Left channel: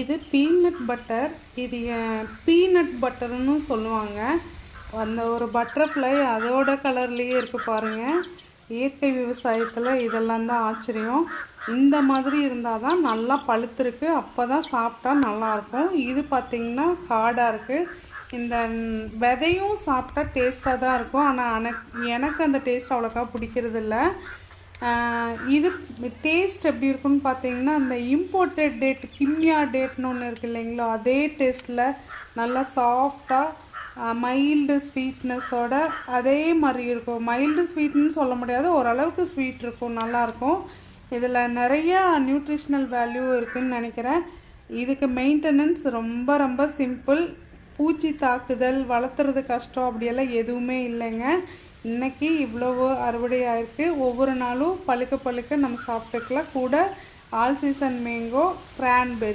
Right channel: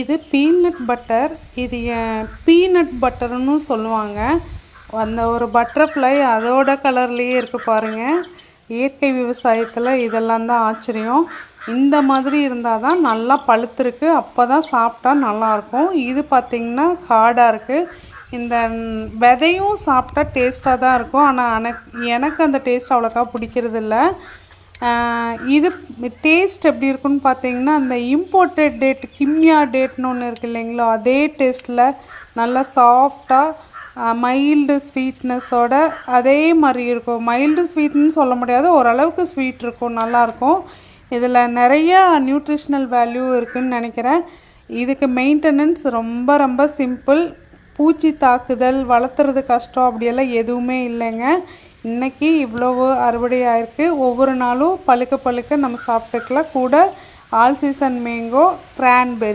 இது peanut butter. இது peanut பட்டர்னு சொல்லுவாங்க. அந்த ஒரு பட்டர்ஃப்ளை அதோட கலர்லேயே இருக்குது பாருங்கள். இயற்கை விவசாயத்தில் இதெல்லாம் தான் ஆச்சரியம். இந்த மாதிரி இருந்தால் தான் நல்லா பழுத்திருக்கு, அப்போ தான் சாப்பிட்டா நல்லாயிருக்கும். இது பார்த்திங்கன்னா ஹார்டாக இருக்குது. இந்த விதையும் சாப்பிட்டா டேஸ்ட்டாக தான் இருக்கும், ஆனால் எனக்கு அந்த டேஸ்ட் அவ்வளோக்கா பிடிக்கிறதில்ல. இது டேஸ்ட் எப்படி இருக்குன்னு பார்த்தீங்கன்னா, அந்த இம்போர்ட்டட் டேட் கிம்யா டேட்னு ஒன்று இருக்குது இல்லைங்களா, அதே டேஸ்ட்டில் நல்லா சாஃப்டாக மைல்டு ஸ்வீட்னஸோட அதே மாதிரி இருக்கும். மைல்டு ஸ்வீட்னு சொல்ல முடியாது, ஓரளவுக்கு ஸ்வீட் இருக்கும், நல்லாயிருக்கும். இதில் நிறைய நியூட்ரிஷ்னல் வேல்யூ இருக்குதுன்னு நினைக்கிறேன். இதுக்கு மெயின்டெனன்ஸ் ரொம்ப ரொம்ப சிம்பிள். பூச்சி தாக்குதல், வளர்த்துறது கஷ்டம் அப்படியெல்லாம் எதுவுமே இல்லைங்க. இன்றைக்கி இவ்வளவு அறுவடை ஆயிருக்கு. ஒவ்வொரு நாளும் பழுக்க பழுக்க நம்ம சாப்பிட்டுக்கலாம். கூட ஆல் சீசன் மேங்கோ, கிரான்பெரி